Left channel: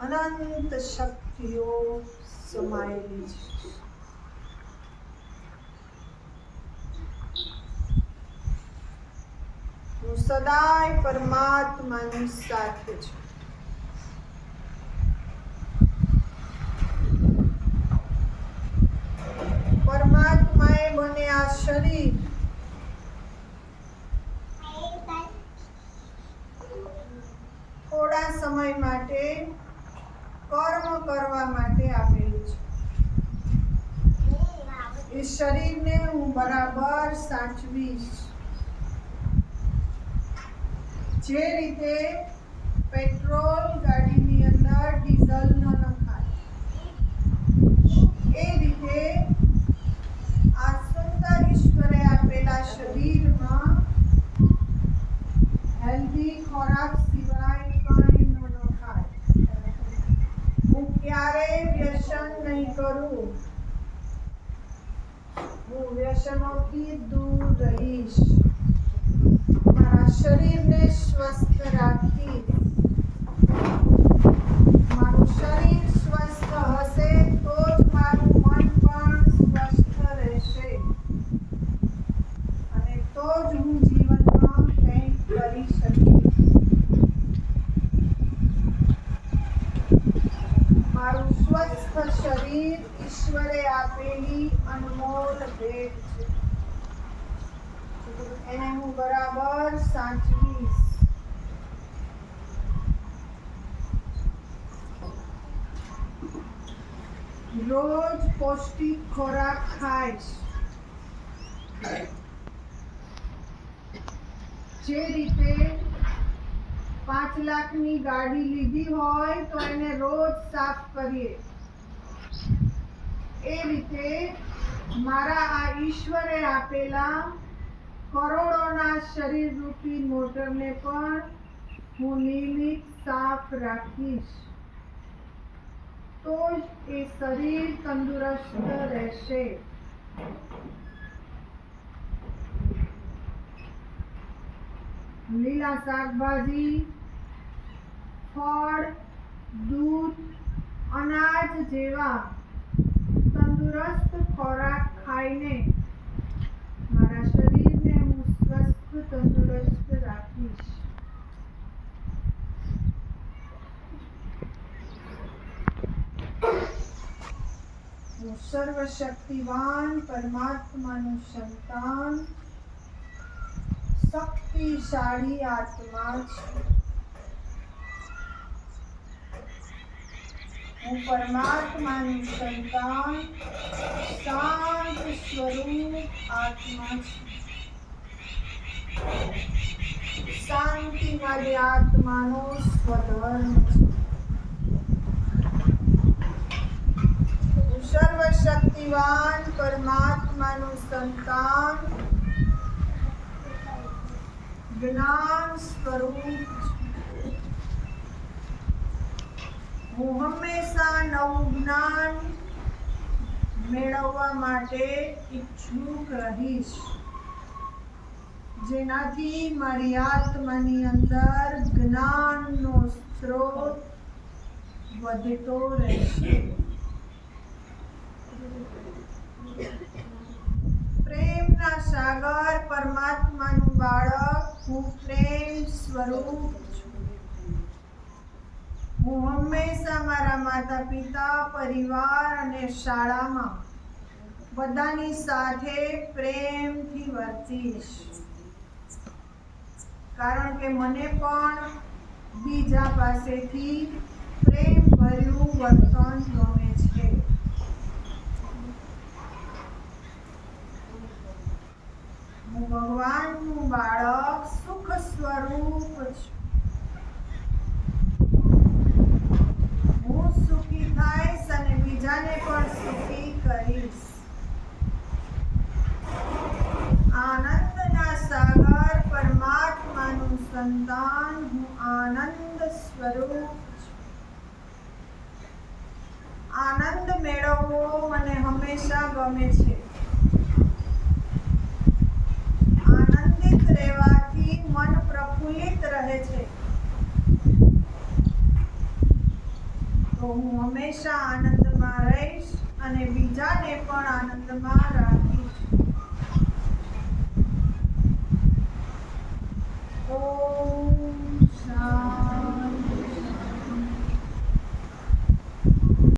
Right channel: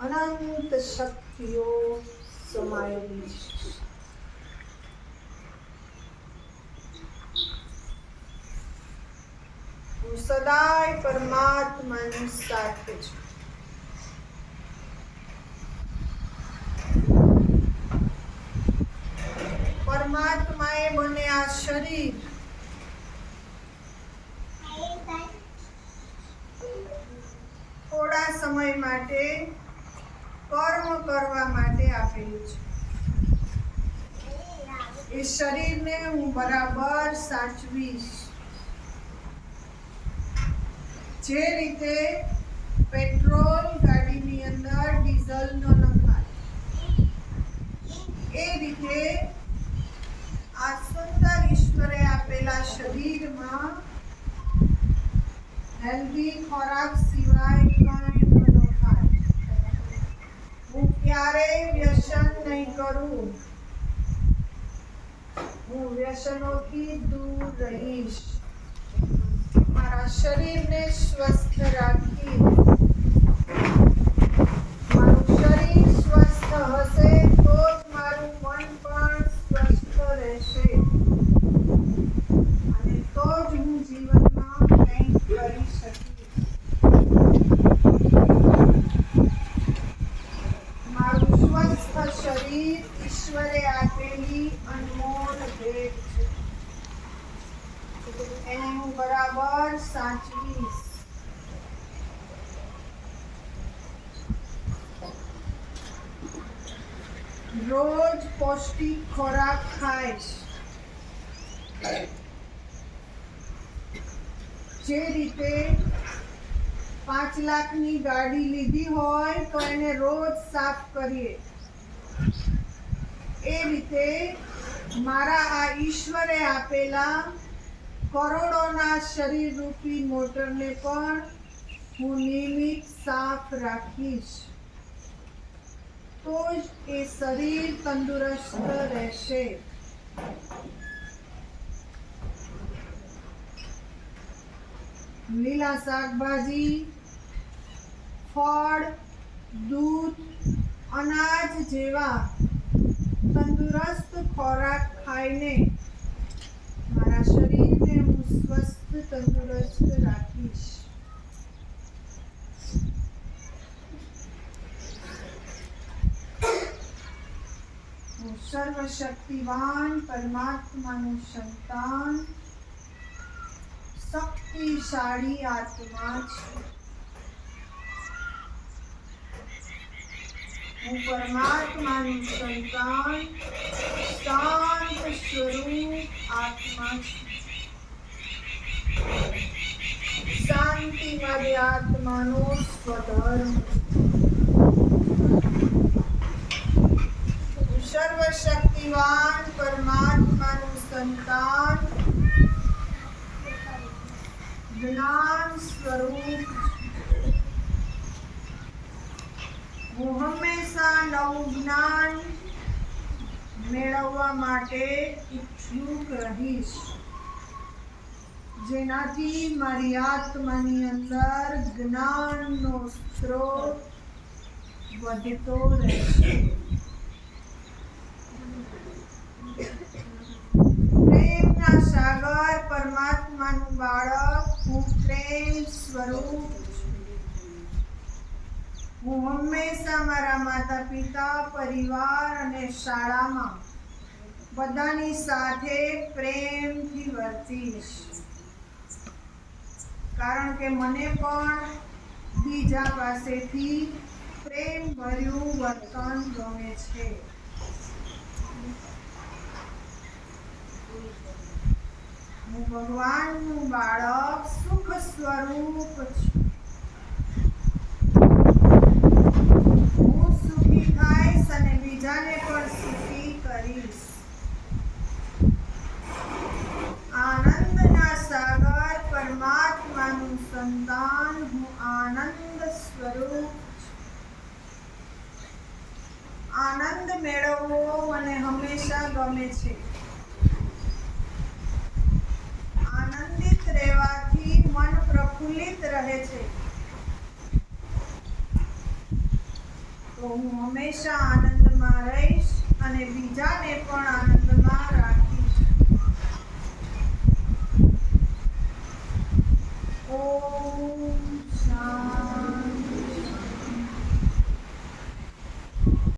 અનંત શક્તિઓ સમાયેલી છે હું સદાય પરમાત્માની સાથે છું પરમાત્માએ મને આ શરીર થોડા સમય માટે કર્મ કરવા માટે આપેલું છે. એ શરીરને હું બરાબર સાચવીશ. જે રીતે પેટ્રોલ ગાડીની અંદર ડીઝલ ન નખાય, એ રીતે આ સુંદર ઈશ્વરે આપેલા શરીરમાં હેલ્ધી ખોરાક સિવાય કંઈ ન નખાય હું ક્યારેય વ્યસન નહીં કરું. હું વ્યસનોથી દૂર રહીશ. મારા શરીરને સ્વસ્થ રાખી મારું શરીર સ્વસ્થ હશે તો જ મારું મન પણ સ્વસ્થ રહેશે અને તો જ હું જીવનમાં કંઈક કરી શકીશ મારું સ્વસ્થ શરીર ઈશ્વરે આપેલી અનમોલ ભેટ છે. એને હું બરાબર સાચવીશ. રોજ પૌષ્ટિક ખોરાક ખાઈશ. જે રીતે પાંચ લાખની ગાડી લીધી હોય તો એને રોજ સાફ કરીએ. એ રીતે મારા આ ઈશ્વરે આપેલા કરોડોના શરીર રૂપી મોટરને પણ હું નિયમિત સાફ રાખીશ. તો જ એ શરીર તંદુરસ્ત રહેશે. લીલા શાકભાજી, ફળ, દૂધ, અનાજ જેવા તંદુરસ્ત ખોરાક ખાઈને મારા શરીરને હું સ્વસ્થ, તંદુરસ્ત રાખીશ. હું સર્વશક્તિવાન પરમાત્માનું સંતાન, શક્તિશાળી આત્મા છું. હું પરમાત્માનું સંતાન, શાંત સ્વરૂપ આત્મા છું. શાંતિ માટે આત્માનો સ્વધર્મ. સર્વશક્તિવાન પરમાત્માનું સંતાન, જ્ઞાન સ્વરૂપ હું હંમેશા નવું જ્ઞાન મેળવવા માટે ઈચ્છુક રહીશ જેનાથી મારી આત્માની અંદર જ્ઞાનનો સ્ત્રોત વધતો રહેશે. પ્રેમના સાગર પરમાત્માનું બાળક હું પ્રેમ સ્વરૂપ હું હંમેશા મારા માતા પિતા, પરિવાર અને શાળામાં બધાની સાથે પ્રેમથી વર્તીશ. કારણ કે મને પણ બીજા પાસેથી પ્રેમ ભર્યું વર્તન ગમે છે. હું ભગવાનનું બાળક સુખ સ્વરૂપ છું હું સુખી થઈશ અને બીજાને પણ સુખી કરીશ આનંદના સાગર પરમાત્માનું સંતાન હું આનંદ સ્વરૂપ આનંદ મેળવવો મને હંમેશા ગમે છે. આનંદિત રહેવાથી મન પ્રફુલ્લિત રહે છે. તો હું હંમેશા આનંદમાં રહીશ અને બીજાને પણ